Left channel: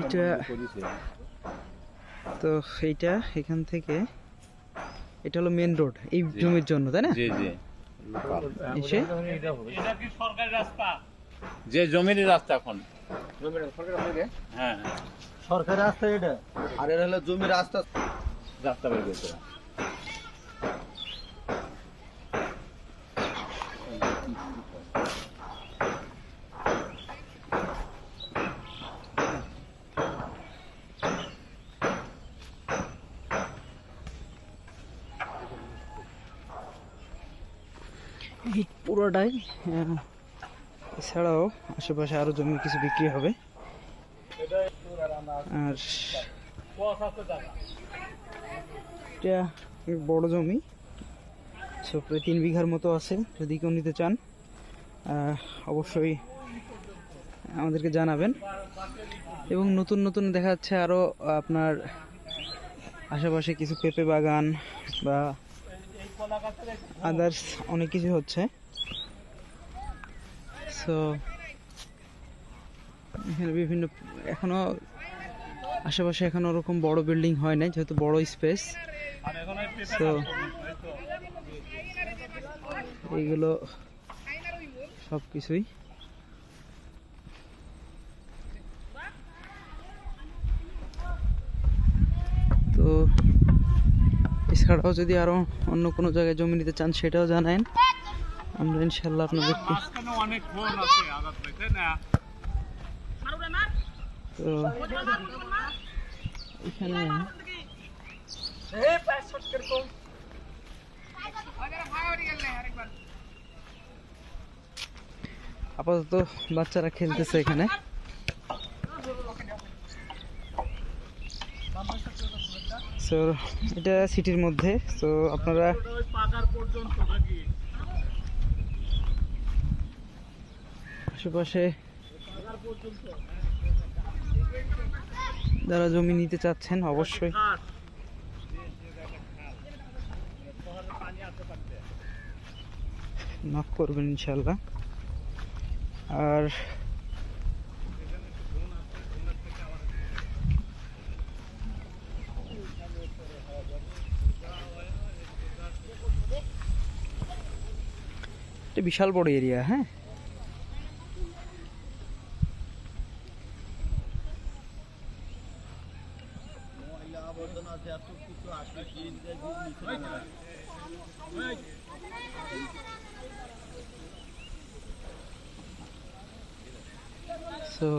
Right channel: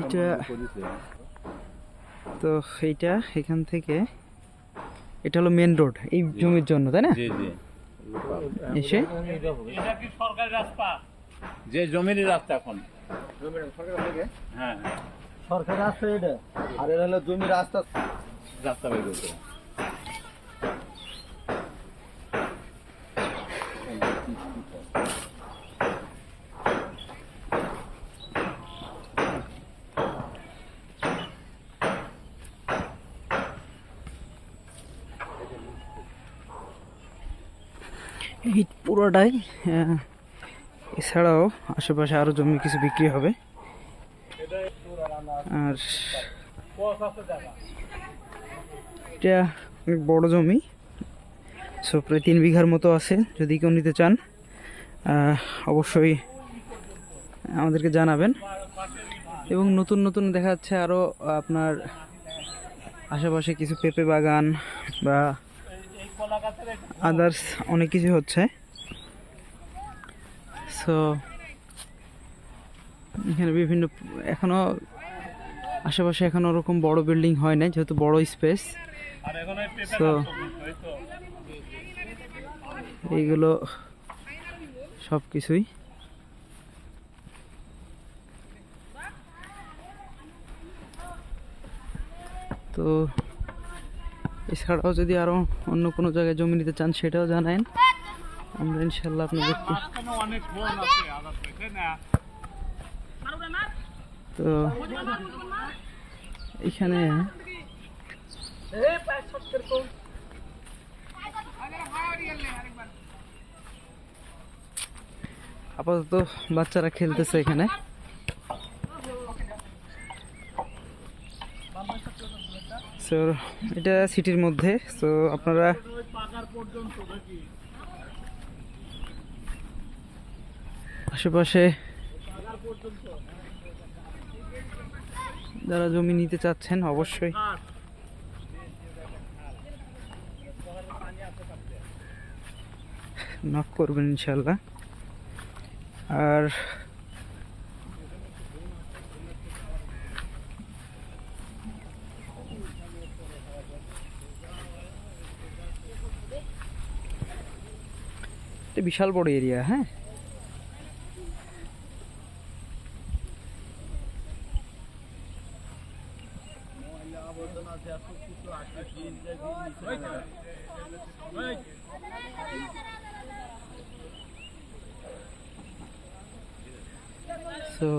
এটা তো এইটা এখান থেকে এটা হলো মেন রোড এই জমির জন্য তাই না? জি জি। এসে? যে জমির রাস্তা এখন হ্যাঁ। সরকারি রাস্তা এটা? আর এটা হলো জমির রাস্তা রাস্তা বের করতে। এই পুরোটাই এছাড়াও আশেপাশে আরও জমি কিছু বিক্রি হবে। আর এটা অনেক বড় জমি, সো প্রায় তিন বিঘার মতো আছে, যদি কেউ নিতে চান অবশ্যই আমাদেরকে জানাবেন। এবং নতুন নতুন দেখা যাচ্ছে আরও আপনার আশেপাশে কিছু পেঁপে বাগান বা আদার্স অনেক কিছু হচ্ছে। সো এখানে বিভিন্ন, এখনও আশেপাশে এখনও ওরকম বড় বিল্ডিং হয় না যেহেতু বড় স্পেস সো এইগুলো সব কিছুই তো এছাড়াও যদি আরও অন্য কোনো জায়গায় জমি নিতে চান, সেটাও জানান আমরা ইনশাল্লাহ আপনাদেরকে তো এখানে আপাতত বাচ্চারা খেলতেছে এখানে। সো এটা সিটির মধ্যে সো আপনারা আশেপাশে যারা জমি নিতে চাচ্ছেন, অবশ্যই। নক করবেন ইনশাল্লাহ আর এটা বিশাল বড় এরিয়া হ্যাঁ? সো